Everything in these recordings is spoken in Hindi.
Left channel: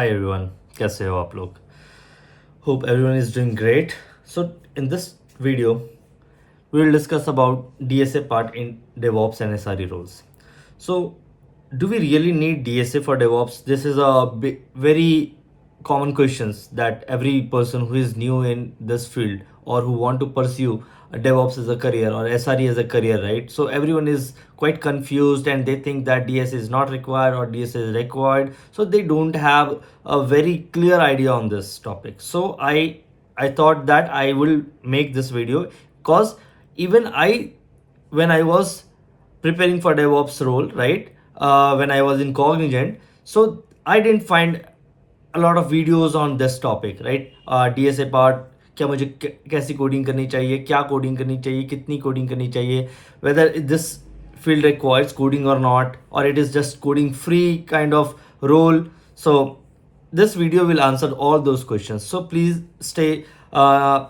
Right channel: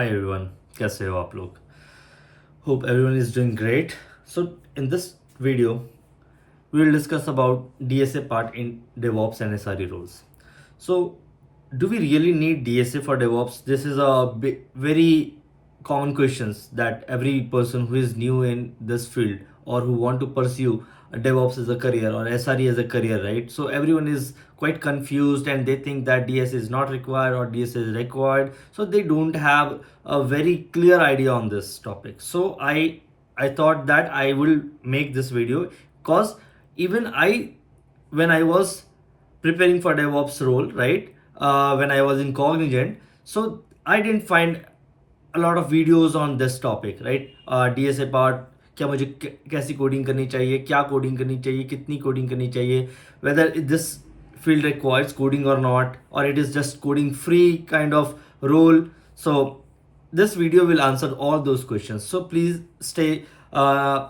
Hi everyone, कैसे हो आप लोग? Hope everyone is doing great. So in this video, we will discuss about DSA part in DevOps and SRE roles. So do we really need DSA for DevOps? This is a very common questions that every person who is new in this field or who want to pursue DevOps as a career or SRE as a career, right? So everyone is quite confused and they think that DSA is not required or DSA is required. So they don't have a very clear idea on this topic. So I thought that I will make this video because even when I was preparing for DevOps role, right? When I was in Cognizant, so I didn't find a lot of videos on this topic, right? DSA part, क्या मुझे कैसी कोडिंग करनी चाहिए, क्या कोडिंग करनी चाहिए, कितनी कोडिंग करनी चाहिए, whether this field requires coding or not, or it is just coding free kind of role. So this video will answer all those questions. So please stay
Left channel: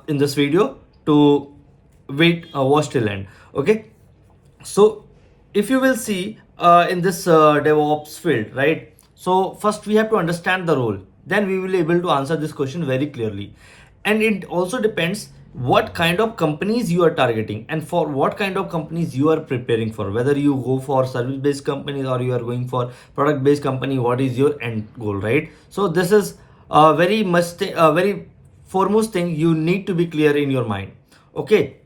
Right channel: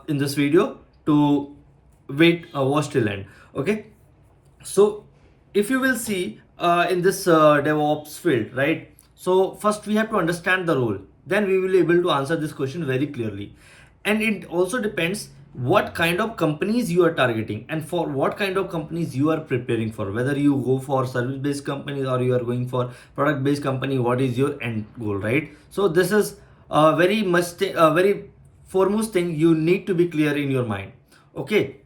in this video to watch till end. Okay. So if you will see in this DevOps field, right? So first we have to understand the role. Then we will be able to answer this question very clearly. And it also depends what kind of companies you are targeting and for what kind of companies you are preparing for. Whether you go for service-based companies or you are going for product-based company, what is your end goal, right? So this is a very foremost thing you need to be clear in your mind. Okay.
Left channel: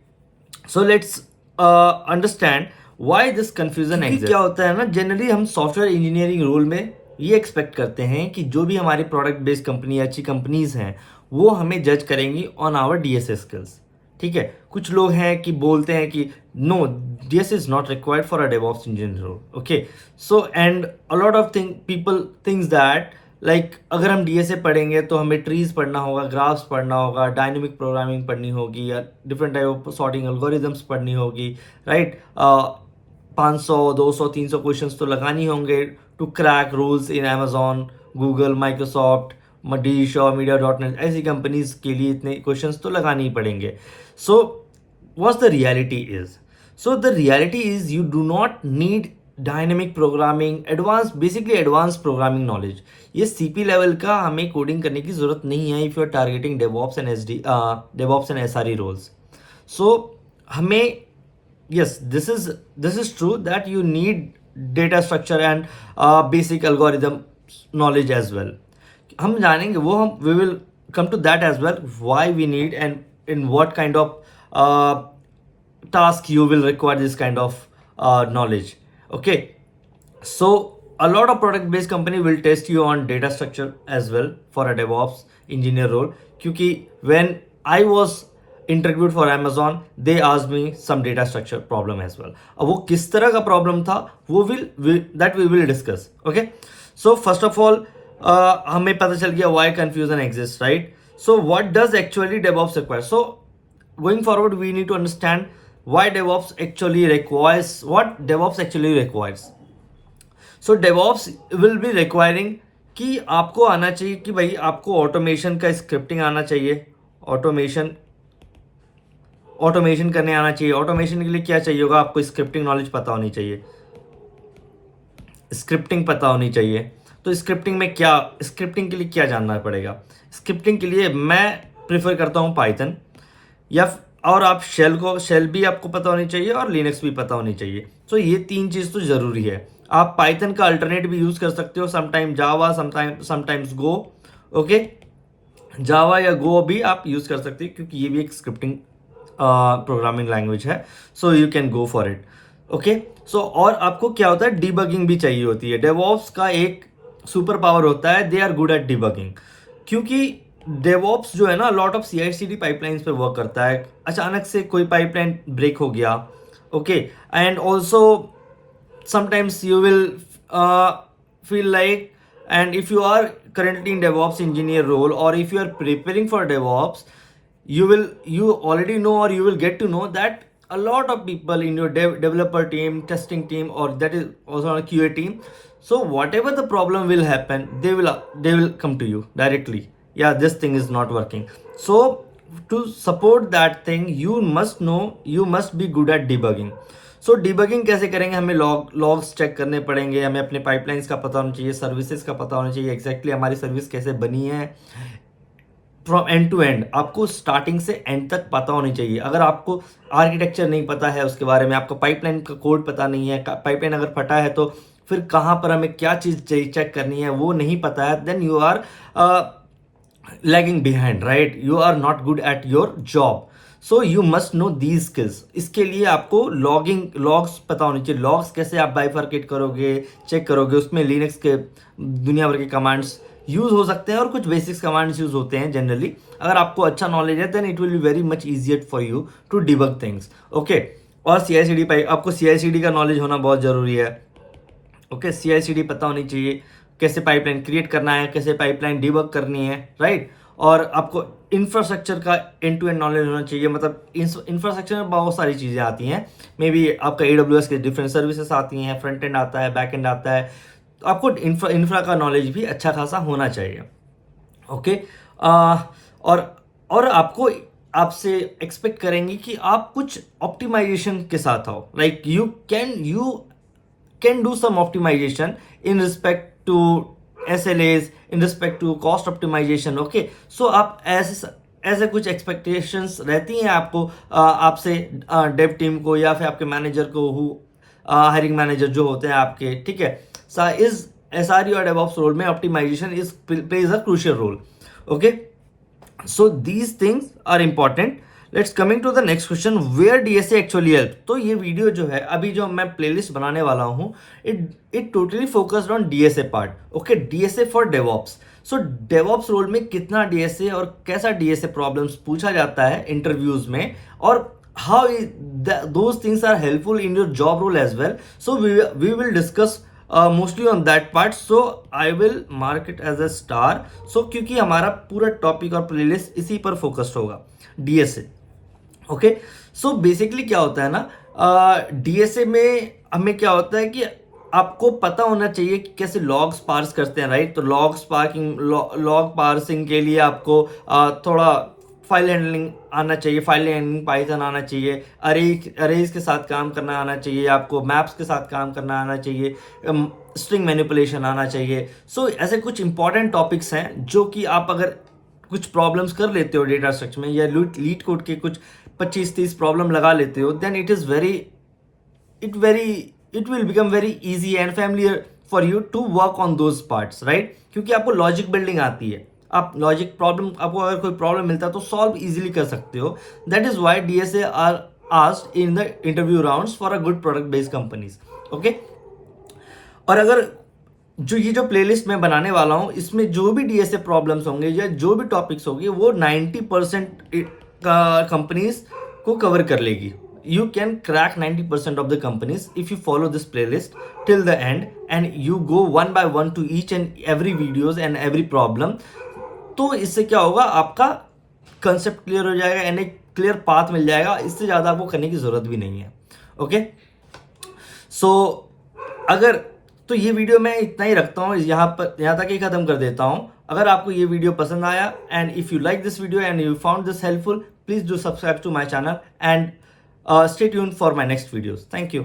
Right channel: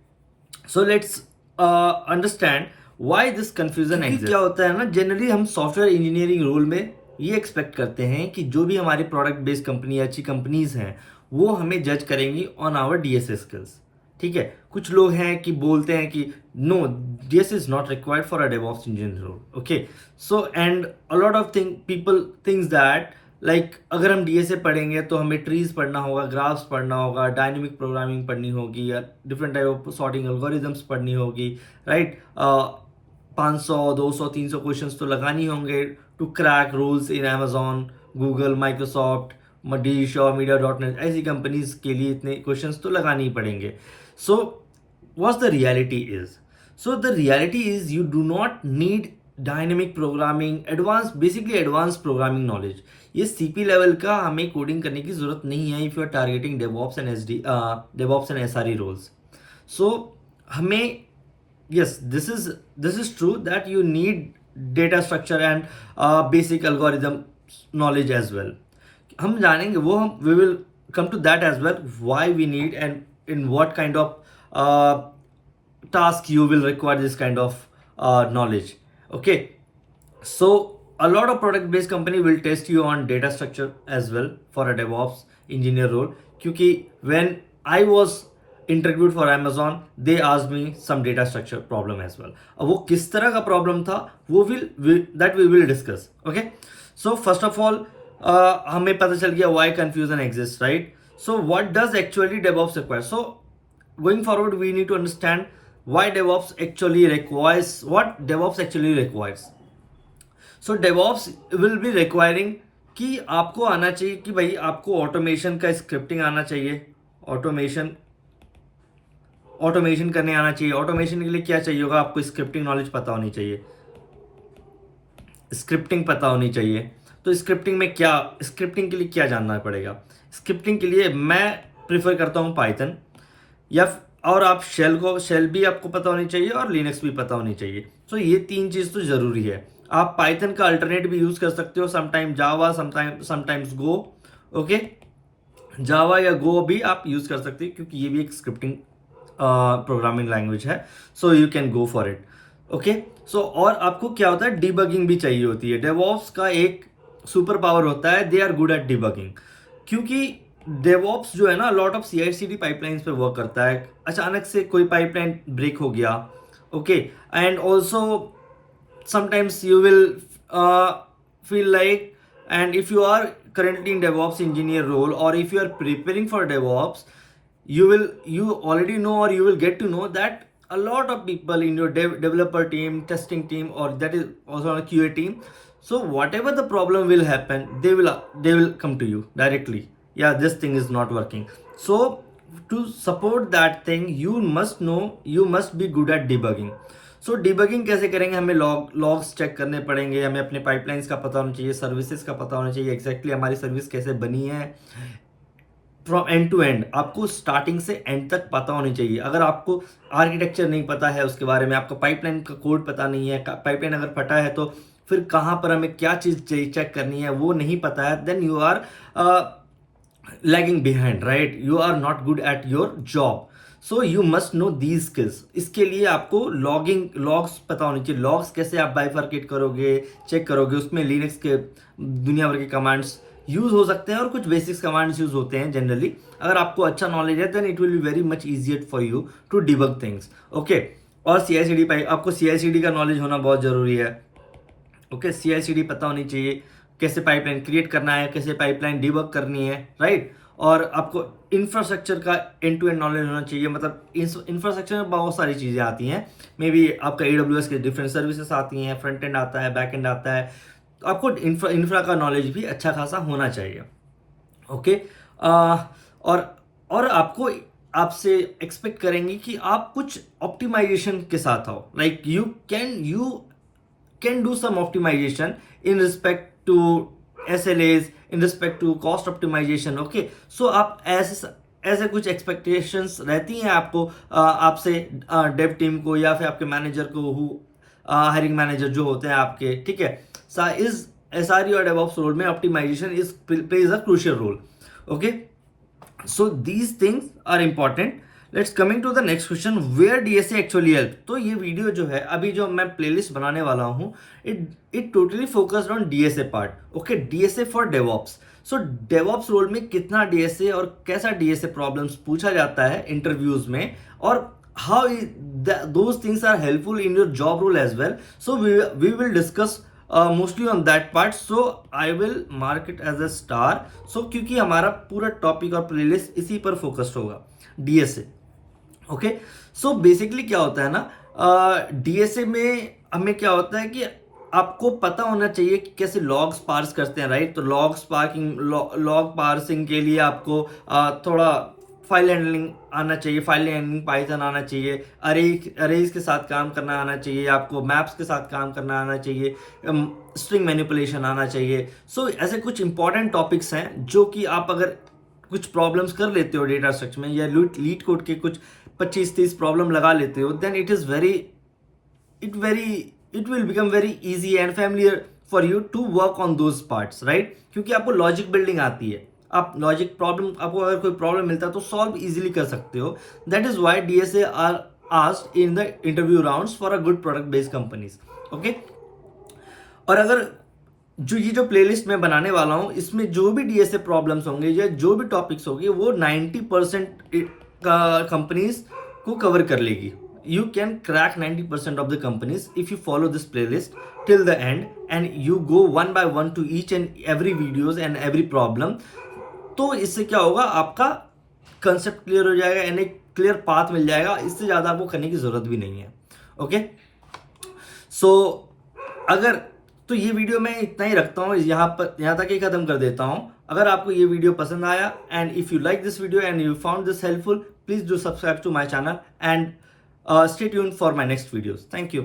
So let's understand why this confusion exist. क्या होता है ना, जनरली हम सॉफ्टवेयर इंजीनियरिंग रोल में ये एक्सपेक्ट करते हैं कि जो भी हमारी प्रोडक्ट बेस्ड कंपनी अच्छी कंपनीज हैं वो हमें जज करेंगी ऑन आवर डीएसए स्किल्स. ठीक है, कुछ लोग हैं कि बोलते हैं कि no, DSA is not required for a DevOps engineer role. Okay, so and a lot of people thinks that like अगर हम डीएसए पढ़ेंगे तो हमें ट्रीज पढ़ना होगा, ग्राफ्स पढ़ना होगा, डायनेमिक प्रोग्रामिंग पढ़नी होगी या different type of sorting algorithms पढ़नी होगी, राइट? 500 200 300 क्वेश्चंस तो लगानी होंगे to crack rules in Amazon, Google, Microsoft, डीश और मीडिया.नेट ऐसी कंपनीज के लिए इतने क्वेश्चंस तो लगाने ही पड़ेंगे. So what's the reality is? So the reality is you do not need dynamic programming, basically advance programming knowledge. ये सीपी लेवल का हमें कोडिंग करने की जरूरत नहीं है if you are targeting DevOps and SRE roles. So हमें yes, this is true that you need data structure and basic algorithm knowledge as well. हम जानेंगे वो, हम we will come to that as well, why we need and in what kind of task you will require this kind of knowledge. Okay, so a lot of product based company will test you on data structure as well for a DevOps engineer role. क्योंकि when I was interviewed for Amazon, they asked me some data structure problem as well. अब वो किस तरह का प्रॉब्लम था वो that we will discuss. Okay, so first of all हमें पता चल गया why confusion exists, right? So what does actually DevOps require? So going forward we need to understand why DevOps actually requires, what DevOps actually requires. So DevOps will be requiring कि आपको आना चाहिए कि भाई आपको ऑटोमेशन का स्क्रिप्टिंग आना चाहिए, ऑटोमेशन करने आना चाहिए. ऑटोमेशन के लिए क्या चाहिए होगा? आपको स्क्रिप्टिंग नॉलेज पता होनी चाहिए, स्क्रिप्टिंग पता होनी चाहिए. तो स्क्रिप्टिंग के लिए क्या जानना पड़ेगा? स्क्रिप्टिंग के लिए मैं प्रेफर करता हूँ पाइथन, और आप शेल भी आपको पता होनी चाहिए और लिनक्स भी पता होनी चाहिए. तो ये तीन चीज़ तो ज़रूरी है. आप पाइथन का अल्टरनेट भी यूज़ कर सकते हो, समटाइम जावा, समटाइम्स गो. ओके, जावा या गो भी आप यूज़ कर सकते हैं क्योंकि ये भी एक स्क्रिप्टिंग प्रोग्रामिंग लैंग्वेज है. So you can go for it. Okay, so और आपको क्या होता है, डिबगिंग भी चाहिए होती है. डेवऑप्स का एक सुपर पावर होता है, they are good at debugging. क्योंकि डेवऑप्स जो है ना, लॉट ऑफ CI/CD पाइपलाइंस पे वर्क करता है. अचानक से कोई पाइपलाइन ब्रेक हो गया, okay, and also sometimes you will feel like, and if you are currently in DevOps engineer role or if you are preparing for DevOps, you already know or you will get to know that a lot of people in your developer team, testing team, or that is also on a QA team, so whatever the problem will happen, they will come to you directly. Yeah, this thing is not working. So to support that thing, you must be good at debugging. So debugging कैसे करेंगे, हमें लॉग्स चेक करने पड़ेंगे, हमें अपने पाइपलाइंस का पता होना चाहिए, सर्विसेज का पता होना चाहिए, एग्जैक्टली हमारी सर्विस कैसे बनी है फ्रॉम एंड टू एंड। आपको स्टार्टिंग से एंड तक पता होनी चाहिए। अगर आपको आर्किटेक्चर नहीं पता है उसके बारे में, आपका पाइपलाइन का कोड पता नहीं है, पाइपलाइन अगर फटा है तो फिर कहाँ पर हमें क्या चीज़ चेक करनी है वो नहीं पता है, then you are lagging behind, right? You are not good at your job. So you must know these skills. इसके लिए आपको लॉग्स पता होनी चाहिए। लॉग्स कैसे आप बाइफर्केट करोगे, चेक करोगे, उसमें लिनक्स के दुनिया भर के कमांड्स यूज हो सकते हैं और कुछ बेसिक्स कमांड्स यूज होते हैं जनरली। अगर आपको अच्छा नॉलेज है then it will be very much easier for you to debug things, okay. और CI/CD पाइप, आपको CI/CD का नॉलेज होना बहुत जरूरी है, ओके। CI/CD पता होनी चाहिए, कैसे पाइपलाइन क्रिएट करना है, कैसे पाइपलाइन डिबग करनी है, राइट? और आपको इंफ्रास्ट्रक्चर का एंड टू एंड नॉलेज होना चाहिए। मतलब इंफ्रास्ट्रक्चर में बहुत सारी चीज़ें आती हैं, मे बी आपका AWS के डिफरेंट सर्विसेज आती हैं, फ्रंट एंड आता है, बैक एंड आता है, तो आपको इंफ्रा का नॉलेज भी अच्छा खासा होना चाहिए, ओके। और आपको आपसे एक्सपेक्ट करेंगे कि आप कुछ ऑप्टिमाइजेशन के साथ आओ, like you can do some optimisation in respect to SLAs, in respect to cost optimisation, okay. So आप ऐसे कुछ एक्सपेक्टेशंस रहती हैं आपको आपसे डेव टीम को या फिर आपके मैनेजर को, हायरिंग मैनेजर जो होते हैं आपके, ठीक है। इस SRE और DevOps रोल में optimization plays a crucial role, okay. So these things are important. Let's coming to the next question, where DSA actually help. तो ये वीडियो जो है, अभी जो मैं प्लेलिस्ट बनाने वाला हूँ, it totally focused on DSA part, okay. DSA for DevOps। So DevOps role में कितना DSA और कैसा DSA प्रॉब्लम्स पूछा जाता है इंटरव्यूज में, और how those things are helpful in your job role as well. So we will discuss mostly on that part. So I will mark it as a star. So क्योंकि हमारा पूरा टॉपिक और प्लेलिस्ट इसी पर फोकस्ड होगा, DSA, ओके। सो बेसिकली क्या होता है ना, DSA में हमें क्या होता है कि आपको पता होना चाहिए कि कैसे लॉग्स पार्स करते हैं, राइट? तो लॉग पार्सिंग के लिए आपको थोड़ा फाइल हैंडलिंग आना चाहिए, फाइल हैंडलिंग पाइथन आना चाहिए, अरेज के साथ काम करना आना चाहिए, आपको मैप्स के साथ काम करना आना चाहिए, स्ट्रिंग मैनिपुलेशन आना चाहिए। सो ऐसे कुछ इंपॉर्टेंट टॉपिक्स हैं जो कि आप अगर कुछ प्रॉब्लम्स कर लेते हो डेटा स्ट्रक्चर में, या लीड कोड के कुछ 25-30 प्रॉब्लम लगा लेते हो, then it will become very easy and familiar for you to work on those parts, right? क्योंकि आपको लॉजिक बिल्डिंग आती है, आप लॉजिक प्रॉब्लम, आपको अगर कोई प्रॉब्लम मिलता है तो सॉल्व इजीली कर सकते हो। That is why DSA are asked in the interview rounds for a good product based companies, okay. और अगर जो प्लेलिस्ट मैं बनाने वाला हूँ, इसमें जो भी DSA प्रॉब्लम्स होंगे या जो भी टॉपिक्स होंगे, वो 90% कंपनीज को कवर कर लेगी। You can crack 90% of the companies if you follow this playlist till the end and you go one by one to each and every videos and every problem. तो इससे क्या होगा, आपका कंसेप्ट क्लियर हो जाएगा एंड एक क्लियर पाथ मिल जाएगा। इससे ज़्यादा आपको करने की ज़रूरत भी नहीं है, ओके। सो अगर तो ये वीडियो मैं इतना ही रखता हूँ, यहाँ तक ही ख़त्म कर देता हूँ। अगर आपको ये वीडियो पसंद आया and if you like this video and you found this helpful, please do subscribe to my channel and stay tuned for my next videos. Thank you.